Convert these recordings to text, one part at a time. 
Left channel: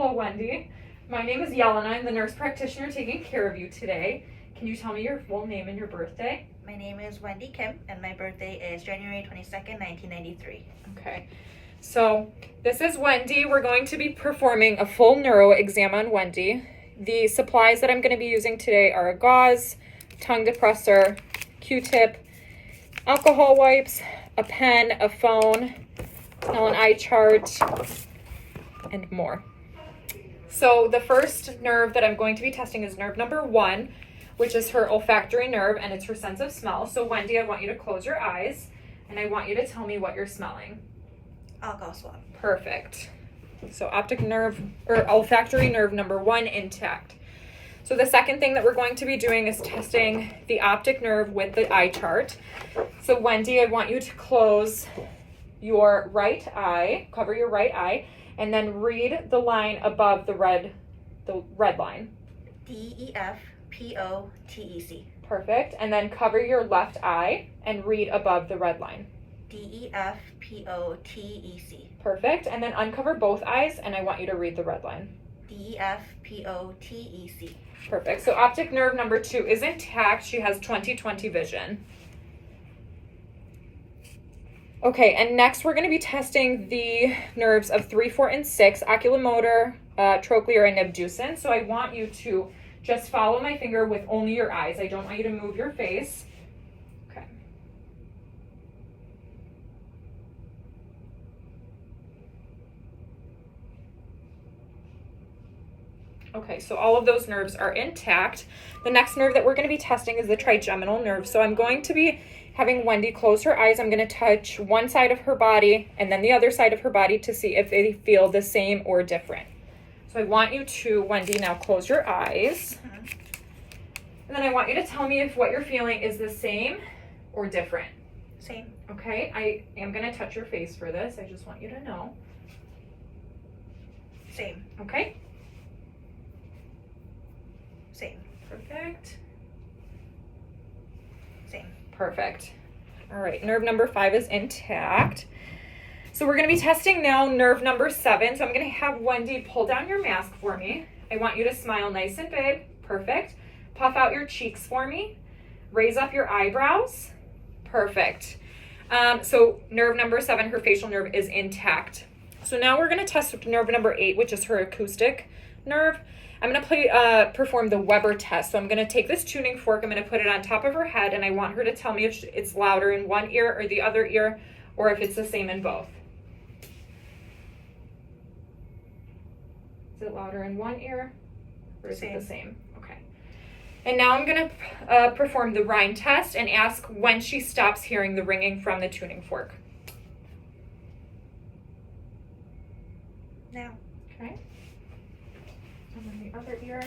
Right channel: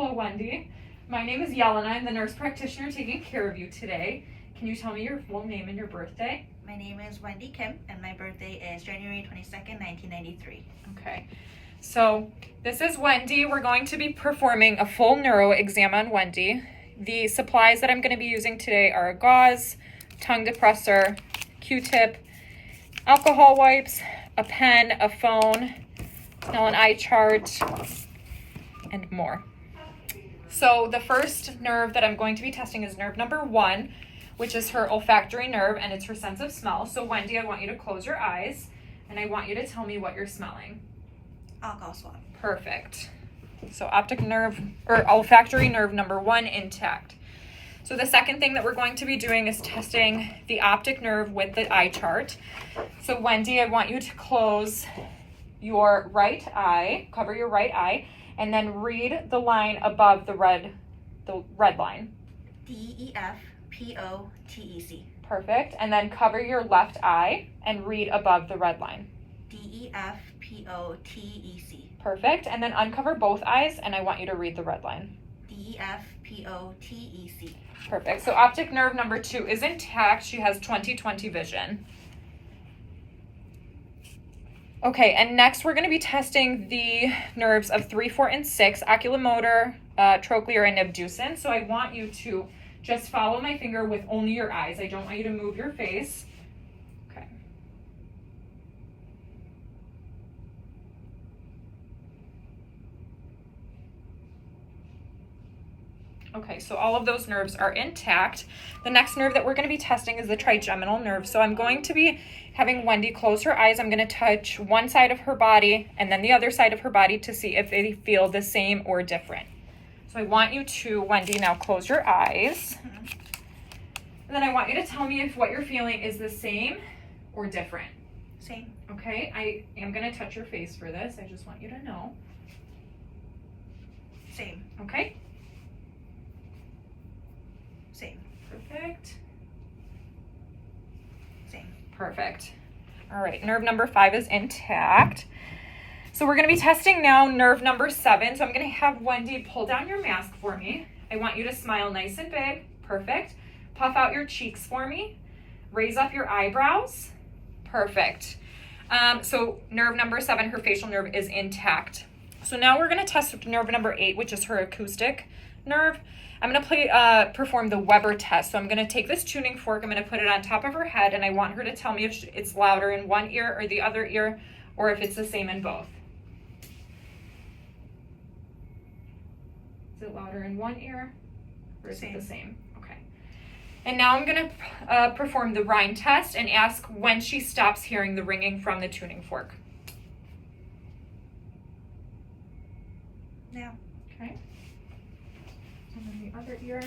Hello, Wendy. My name is Yelena. I'm the nurse practitioner taking care of you today. Can you tell me your full name and your birthday? My name is Wendy Kim, and my birthday is January 22nd, 1993. Okay. So this is Wendy. We're going to be performing a full neuro exam on Wendy. The supplies that I'm going to be using today are a gauze, tongue depressor, Q-tip, alcohol wipes, a pen, a phone, an eye chart, and more. So the first nerve that I'm going to be testing is nerve number 1, which is her olfactory nerve, and it's her sense of smell. So Wendy, I want you to close your eyes, and I want you to tell me what you're smelling. Alcohol swab. Perfect. So optic nerve, or olfactory nerve number 1 intact. So the second thing that we're going to be doing is testing the optic nerve with the eye chart. So Wendy, I want you to close your right eye, cover your right eye, and then read the line above the red line. DEFPOTEC. Perfect. And then cover your left eye and read above the red line. DEFPOTEC. Perfect. And then uncover both eyes, and I want you to read the red line. DEFPOTEC. Perfect. So optic nerve number 2 is intact. She has 20/20 vision. Okay, and next we're going to be testing the nerves of 3, 4, and 6, oculomotor, trochlear, and abducens. So I want you to just follow my finger with only your eyes. I don't want you to move your face. Okay. Okay, so all of those nerves are intact. The next nerve that we're going to be testing is the trigeminal nerve. So I'm going to be having Wendy close her eyes. I'm going to touch one side of her body and then the other side of her body to see if they feel the same or different. So I want you to, Wendy, now close your eyes. And then I want you to tell me if what you're feeling is the same or different. Same. Okay, I am going to touch your face for this. I just want you to know. Same. Okay. Same. Perfect. Same. Perfect. All right, nerve number 5 is intact. So we're going to be testing now nerve number 7. So I'm going to have Wendy pull down your mask for me. I want you to smile nice and big. Perfect. Puff out your cheeks for me. Raise up your eyebrows. Perfect. So nerve number 7, her facial nerve, is intact. So now we're going to test nerve number 8, which is her acoustic nerve. I'm going to perform the Weber test. So I'm going to take this tuning fork, I'm going to put it on top of her head, and I want her to tell me if it's louder in one ear or the other ear, or if it's the same in both. Is it louder in one ear, or is it the same? Okay. And now I'm going to perform the Rhine test and ask when she stops hearing the ringing from the tuning fork. Now. Okay. And then the other ear.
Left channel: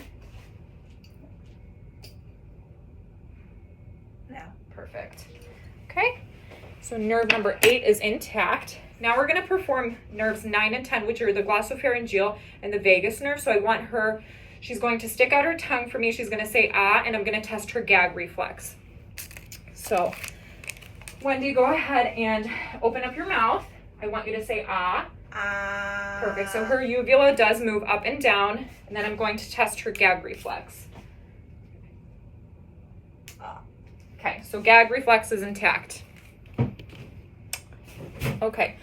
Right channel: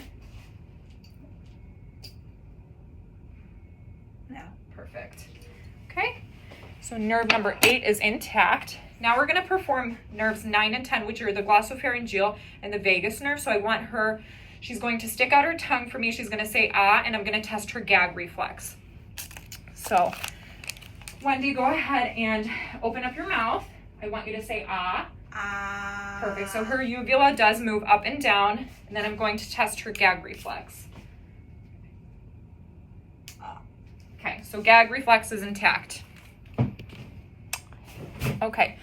Now. Perfect. Okay, so nerve number 8 is intact. Now we're going to perform nerves 9 and 10, which are the glossopharyngeal and the vagus nerve. So I want her, she's going to stick out her tongue for me. She's going to say ah, and I'm going to test her gag reflex. So Wendy, go ahead and open up your mouth. I want you to say ah. Perfect. So her uvula does move up and down, and then I'm going to test her gag reflex. Okay, so gag reflex is intact. Okay.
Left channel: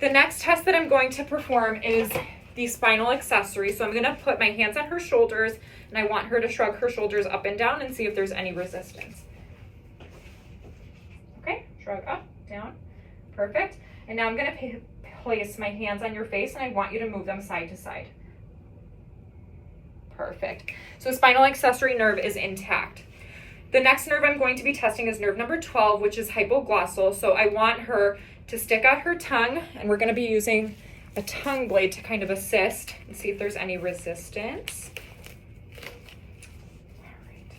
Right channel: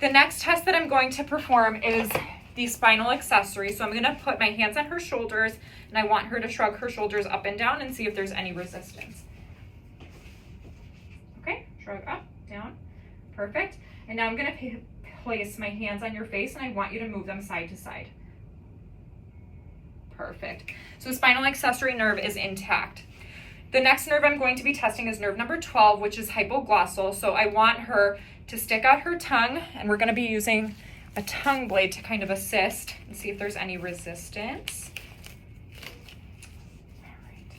The next test that I'm going to perform is the spinal accessory. So I'm going to put my hands on her shoulders, and I want her to shrug her shoulders up and down and see if there's any resistance. Okay, shrug up, down. Perfect. And now I'm going to place my hands on your face, and I want you to move them side to side. Perfect. So spinal accessory nerve is intact. The next nerve I'm going to be testing is nerve number 12, which is hypoglossal. So I want her to stick out her tongue, and we're going to be using a tongue blade to kind of assist and see if there's any resistance. All right.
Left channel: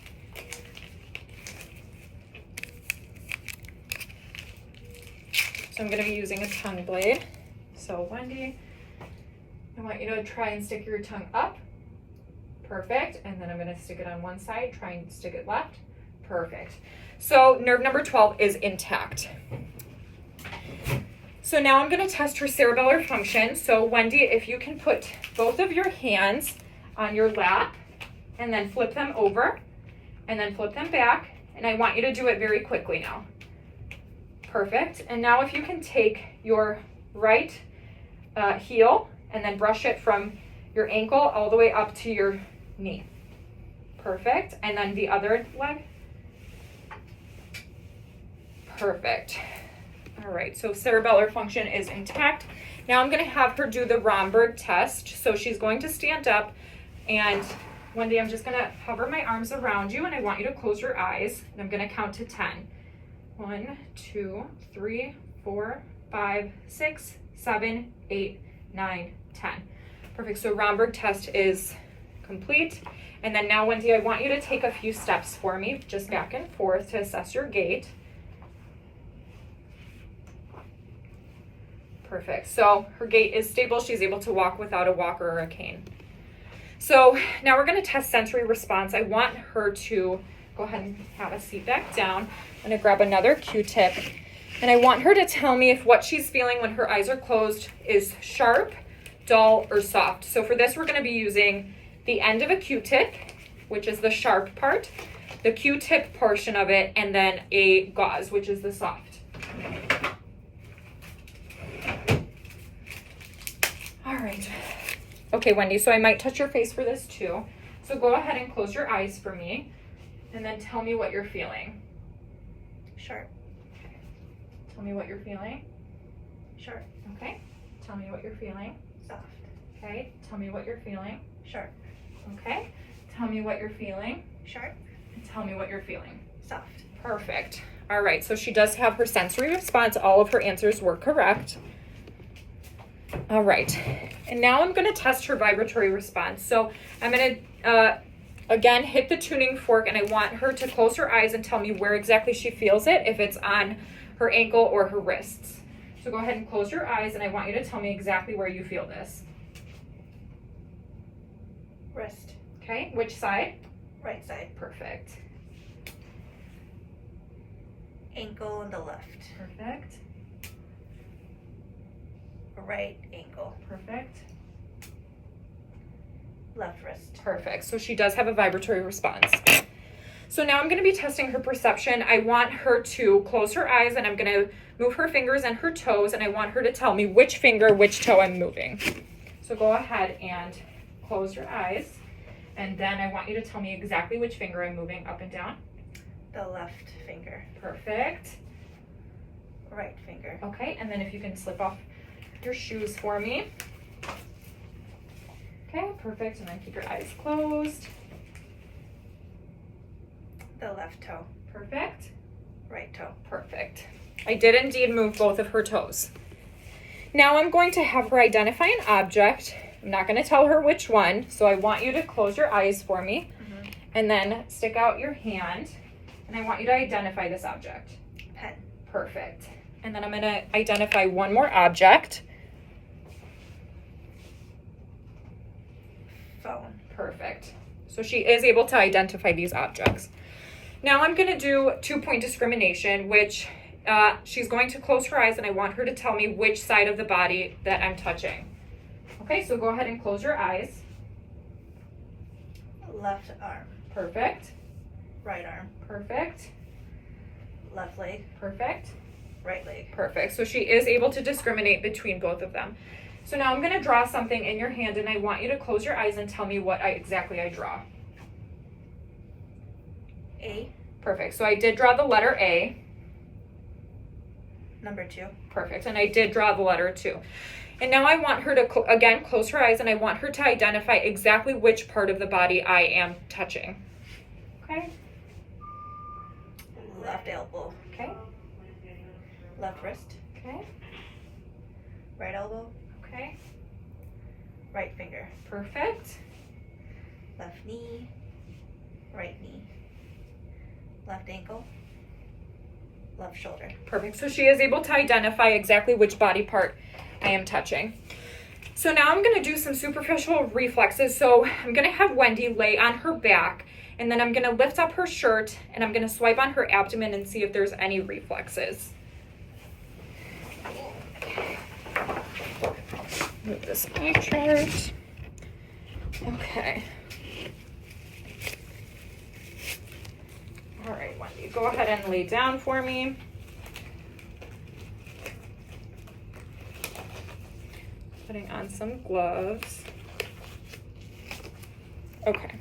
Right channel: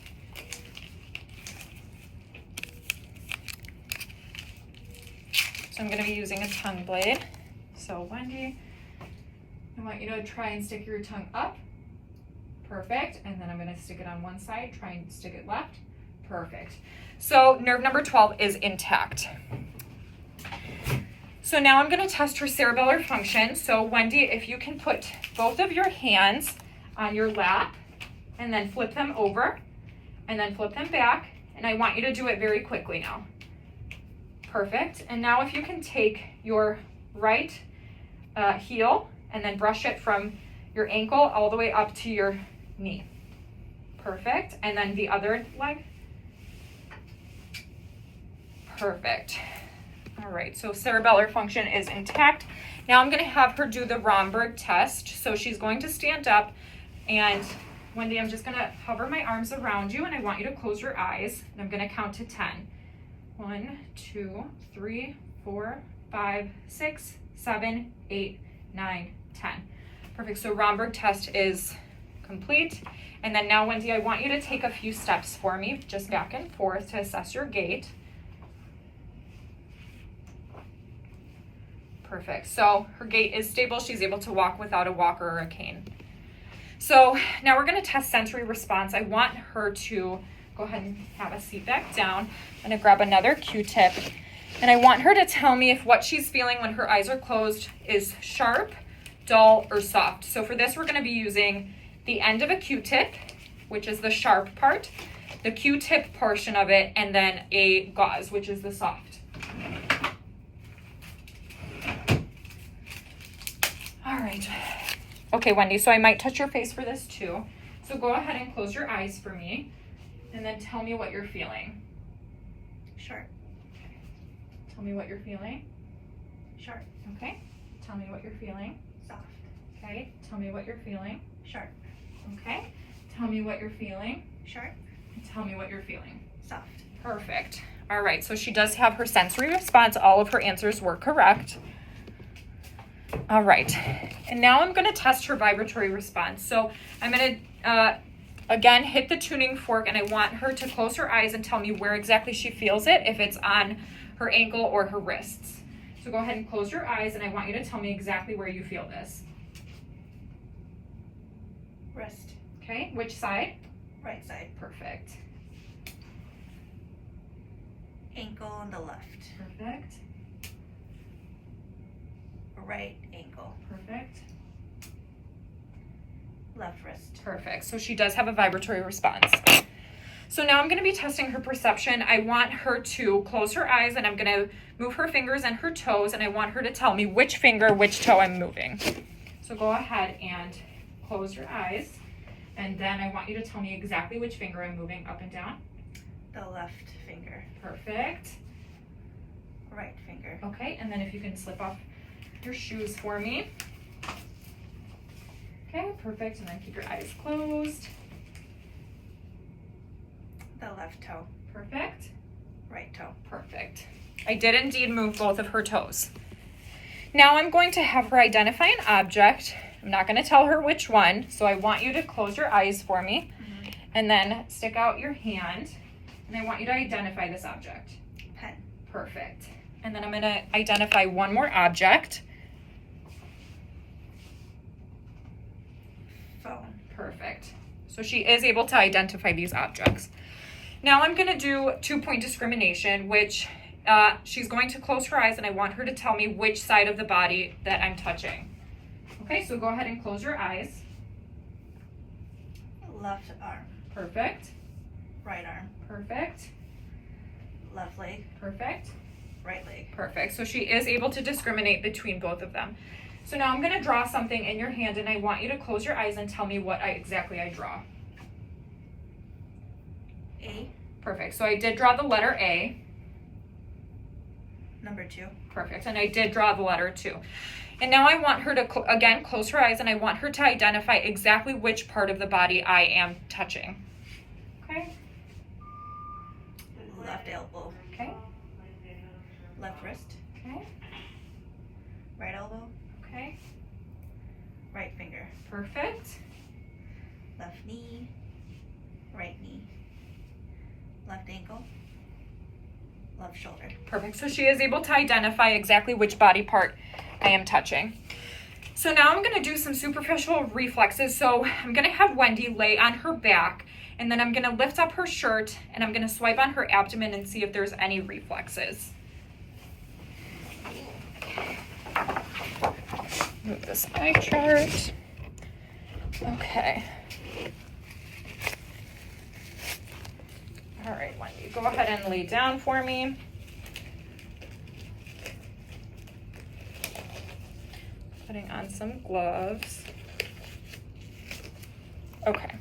So I'm going to be using a tongue blade. So Wendy, I want you to try and stick your tongue up. Perfect. And then I'm going to stick it on one side, try and stick it left. Perfect. So nerve number 12 is intact. So now I'm going to test her cerebellar function. So Wendy, if you can put both of your hands on your lap and then flip them over and then flip them back. And I want you to do it very quickly now. Perfect. And now if you can take your right heel and then brush it from your ankle all the way up to your knee. Perfect. And then the other leg. Perfect. All right, so cerebellar function is intact. Now I'm gonna have her do the Romberg test. So she's going to stand up, and Wendy, I'm just gonna hover my arms around you and I want you to close your eyes, and I'm gonna count to 10. 1, 2, 3, 4, 5, 6, 7, 8, 9, 10. Perfect, so Romberg test is complete. And then now, Wendy, I want you to take a few steps for me, just back and forth to assess your gait. Perfect. So her gait is stable. She's able to walk without a walker or a cane. So now we're going to test sensory response. I want her to go ahead and have a seat back down. I'm going to grab another Q-tip, and I want her to tell me if what she's feeling when her eyes are closed is sharp, dull, or soft. So for this, we're going to be using the end of a Q-tip, which is the sharp part, the Q-tip portion of it, and then a gauze, which is the soft. All right. Okay, Wendy, so I might touch your face for this too. So go ahead and close your eyes for me, and then tell me what you're feeling. Sharp. Tell me what you're feeling. Sharp. Okay. Tell me what you're feeling. Soft. Okay. Tell me what you're feeling. Sharp. Okay. Tell me what you're feeling. Sharp. And tell me what you're feeling. Soft. Perfect. All right, so she does have her sensory response. All of her answers were correct. All right, and now I'm going to test her vibratory response. So I'm going to, again, hit the tuning fork, and I want her to close her eyes and tell me where exactly she feels it, if it's on her ankle or her wrists. So go ahead and close your eyes, and I want you to tell me exactly where you feel this. Wrist. Okay, which side? Right side. Perfect. Ankle on the left. Perfect. Right ankle. Perfect. Left wrist. Perfect. So she does have a vibratory response. So now I'm going to be testing her perception. I want her to close her eyes, and I'm going to move her fingers and her toes, and I want her to tell me which finger, which toe I'm moving. So go ahead and close your eyes, and then I want you to tell me exactly which finger I'm moving up and down. The left finger. Perfect. Right finger. Okay, and then if you can slip off your shoes for me. Okay, perfect, and then keep your eyes closed. The left toe. Perfect. Right toe. Perfect. I did indeed move both of her toes. Now I'm going to have her identify an object. I'm not going to tell her which one, so I want you to close your eyes for me, and then stick out your hand, and I want you to identify this object. Pen. Perfect. And then I'm going to identify one more object. Phone. Perfect. So she is able to identify these objects. Now I'm going to do 2-point discrimination, which she's going to close her eyes, and I want her to tell me which side of the body that I'm touching. Okay, so go ahead and close your eyes. Left arm. Perfect. Right arm. Perfect. Left leg. Perfect. Right leg. Perfect. So she is able to discriminate between both of them. So now I'm going to draw something in your hand, and I want you to close your eyes and tell me what exactly I draw. A. Perfect. So I did draw the letter A. Number 2. Perfect. And I did draw the letter 2. And now I want her to, again, close her eyes, and I want her to identify exactly which part of the body I am touching. Okay? Left elbow. Okay? Left wrist. Okay? Right elbow. Okay? Right finger. Perfect. Left knee. Right knee. Left ankle. Left shoulder. Perfect. So she is able to identify exactly which body part I am touching. So now I'm going to do some superficial reflexes. So I'm going to have Wendy lay on her back, and then I'm going to lift up her shirt, and I'm going to swipe on her abdomen and see if there's any reflexes. Okay. Move this eye chart. Okay. All right, Wendy, go ahead and lay down for me. Putting on some gloves. Okay.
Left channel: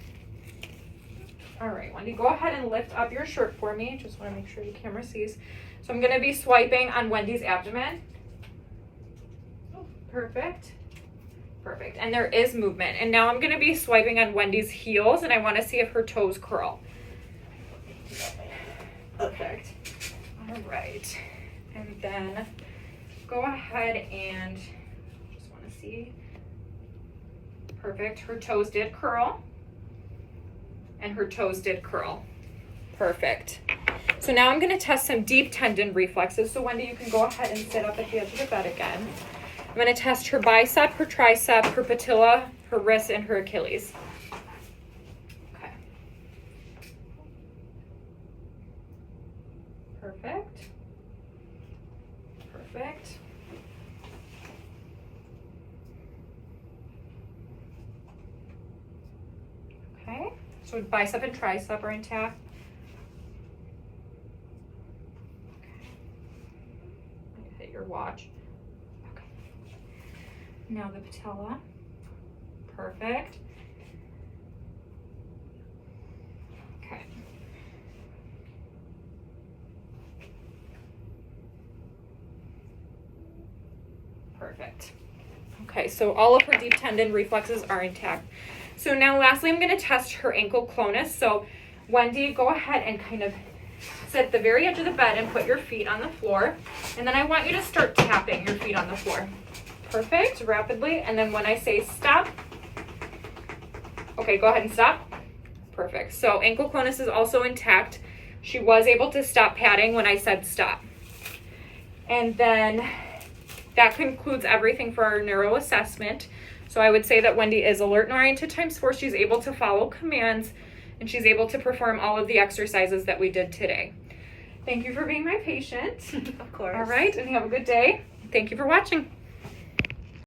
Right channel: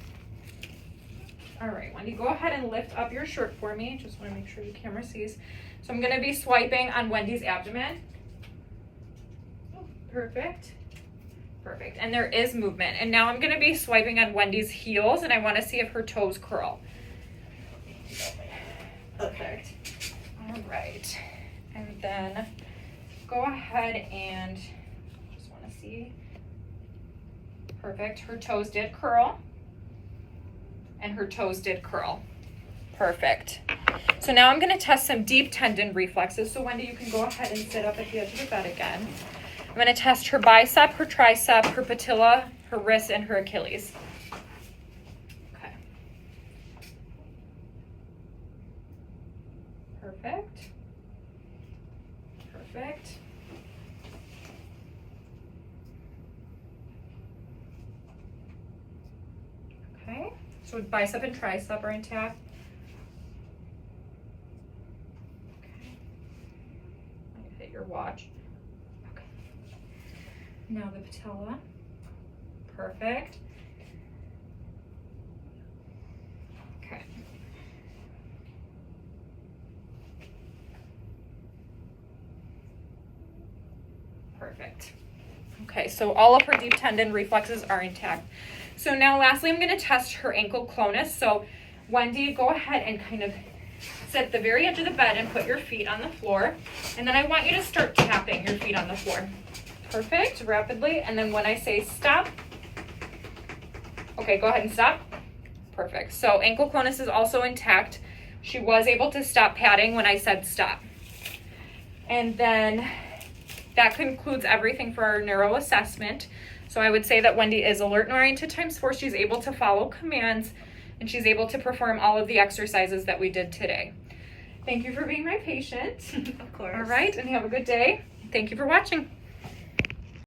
All right, Wendy, go ahead and lift up your shirt for me. Just want to make sure the camera sees. So I'm going to be swiping on Wendy's abdomen. Perfect. Perfect. And there is movement. And now I'm going to be swiping on Wendy's heels, and I want to see if her toes curl. Perfect. All right. And then go ahead and just want to see. Perfect. Her toes did curl. And her toes did curl. Perfect. So now I'm going to test some deep tendon reflexes. So Wendy, you can go ahead and sit up at the edge of the bed again. I'm going to test her bicep, her tricep, her patella, her wrist, and her Achilles. Okay. Perfect. Perfect. Okay. So bicep and tricep are intact. Okay. I'm gonna hit your watch. Okay. Now the patella. Perfect. Okay. Perfect. Okay, so all of her deep tendon reflexes are intact. So now lastly, I'm gonna test her ankle clonus. So Wendy, go ahead and kind of sit at the very edge of the bed and put your feet on the floor. And then I want you to start tapping your feet on the floor. Perfect, rapidly. And then when I say stop, okay, go ahead and stop. Perfect. So ankle clonus is also intact. She was able to stop padding when I said stop. And then that concludes everything for our neuro assessment. So I would say that Wendy is alert and oriented ×4. She's able to follow commands and she's able to perform all of the exercises that we did today. Thank you for being my patient. Of course. All right, and have a good day. Thank you for watching.